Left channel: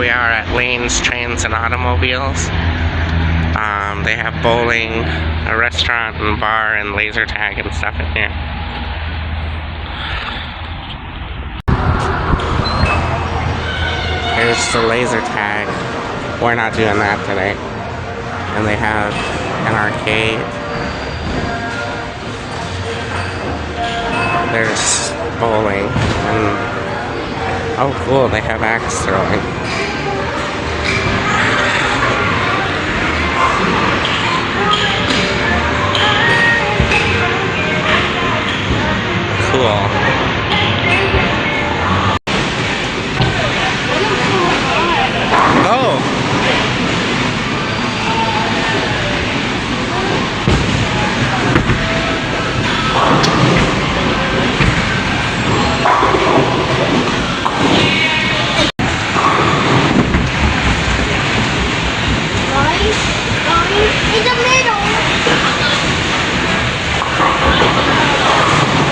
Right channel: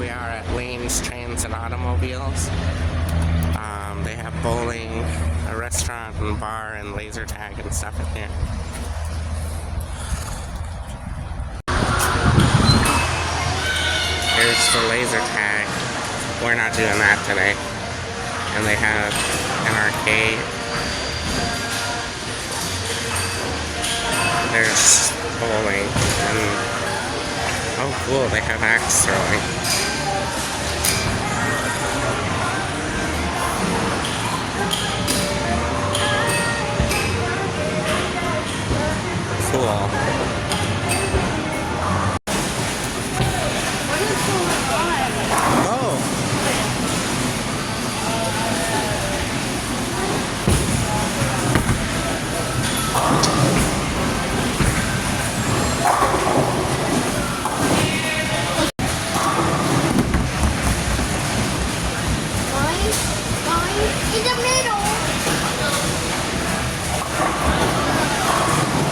we are at Lanes, Trains, and Automobiles. They have bowling, a restaurant and bar, and laser tag and stuff in here. There's the laser tag. We're not doing that today. And they have an arcade. There's bowling. And oh cool, they have axe throwing. Cool. Oh!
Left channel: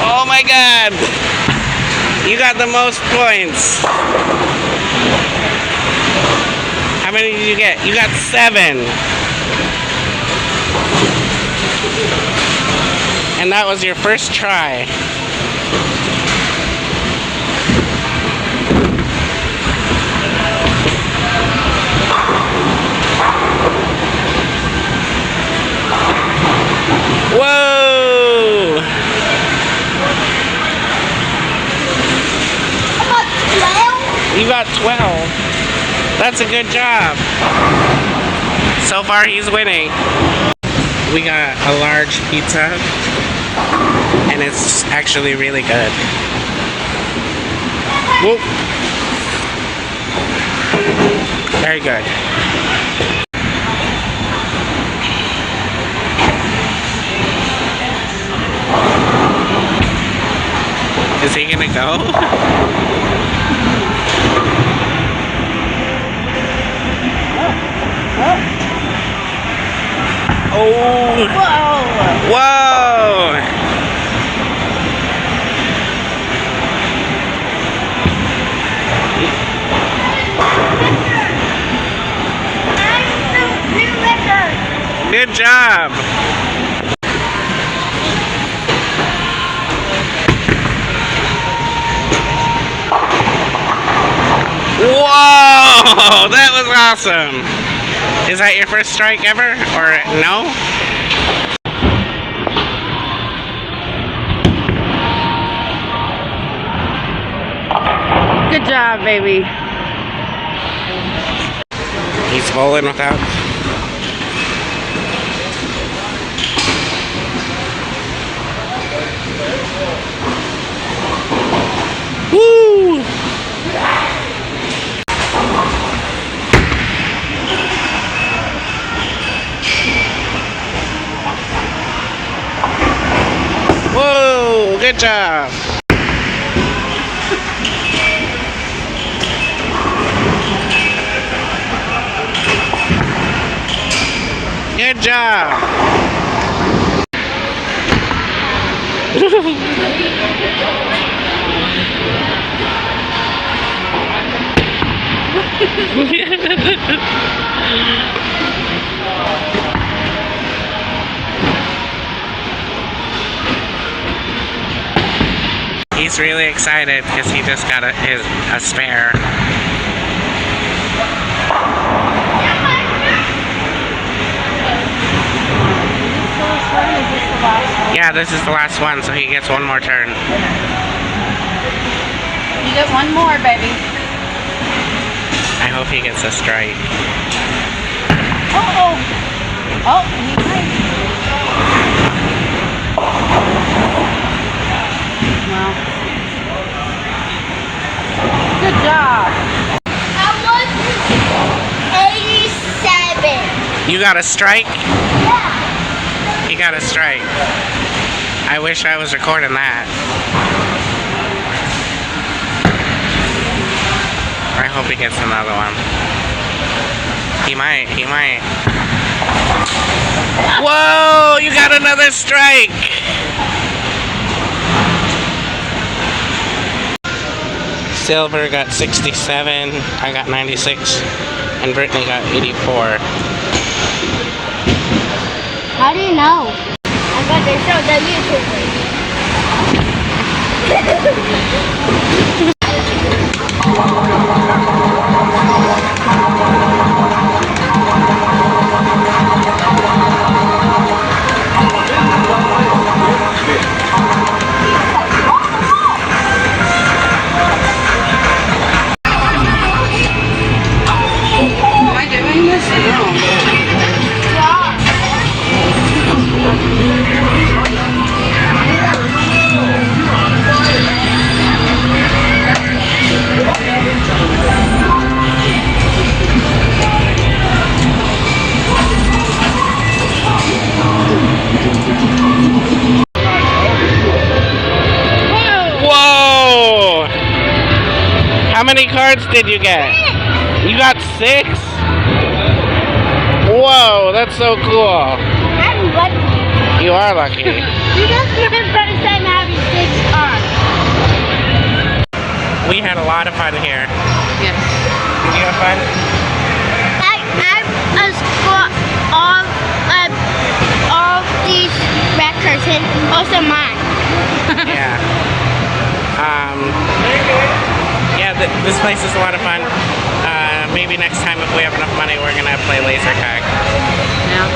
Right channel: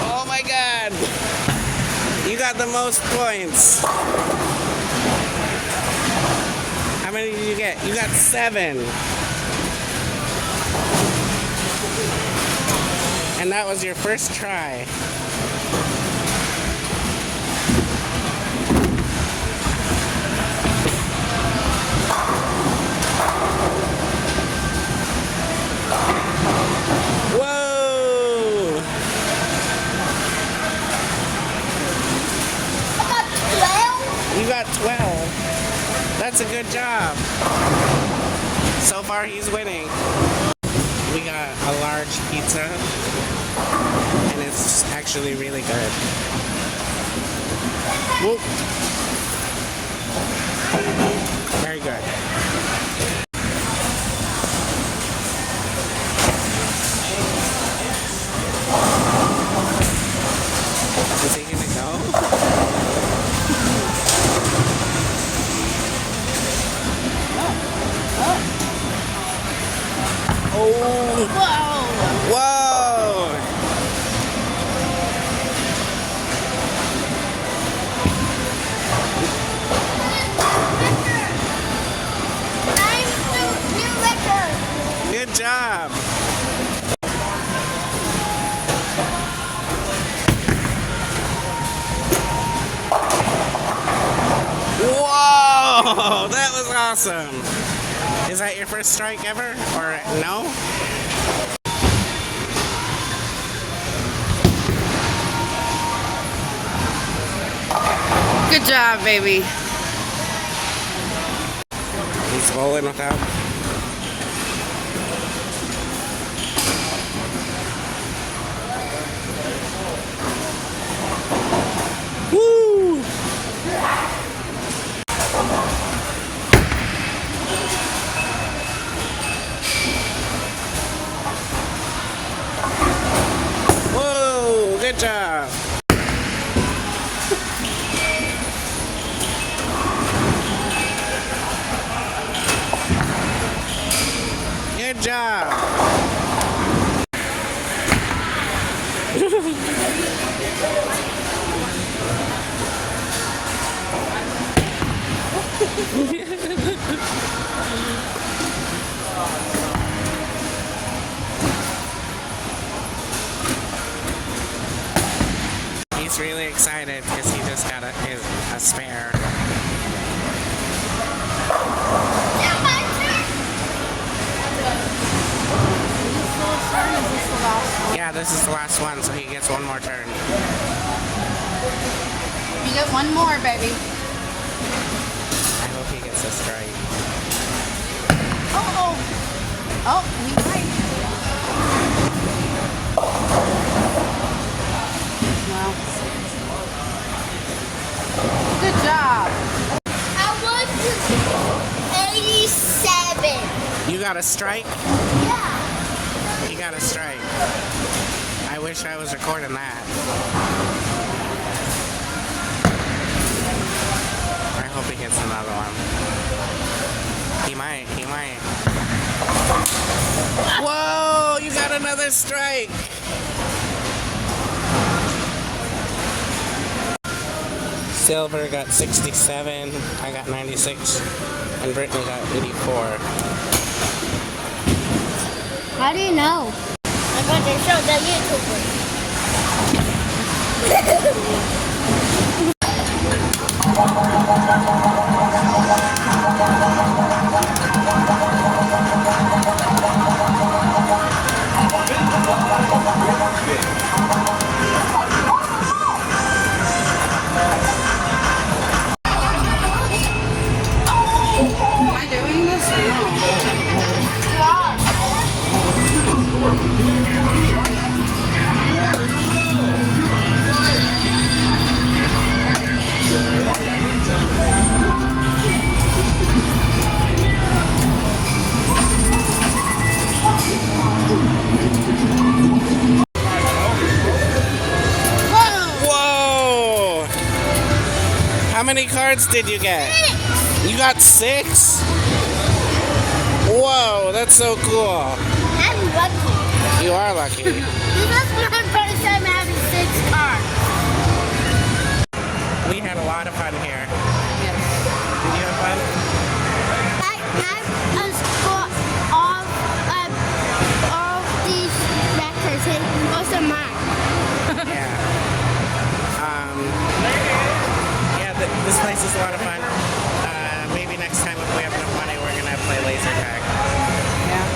Oh my God! You got the most points. How many did you get? You got 7. And that was your first try. Whoa! You got 12. That's a good job. So far, he's winning. We got a large pizza, and it's actually really good. Whoop. Very good. Is he gonna go? Oh! Whoa! Whoa! Good job! Whoa! That was awesome! Is that your first strike ever? Or no? Good job, baby. He's bowling without. Woo! Whoa! Good job. Good job. He's really excited because he just got a spare. Yeah, this is the last one, so he gets one more turn. You get one more, baby. I hope he gets a strike. Uh-oh. Oh, he might. Well. Good job. I want 87. You got a strike? Yeah. He got a strike. I wish I was recording that. I hope he gets another one. He might. Whoa! You got another strike! Silver got 67. I got 96. And Brittany got 84. How do you know? I'm going to show the Am I doing this? No. Whoa! How many cards did you get? You got 6? Whoa, that's so cool. I'm lucky. You are lucky. This is my first time having 6 cards. We had a lot of fun here. Yes. Did you have fun? I scored all these records and also mine. Yeah. This place is a lot of fun. Maybe next time if we have enough money, we're gonna play laser tag. Yeah.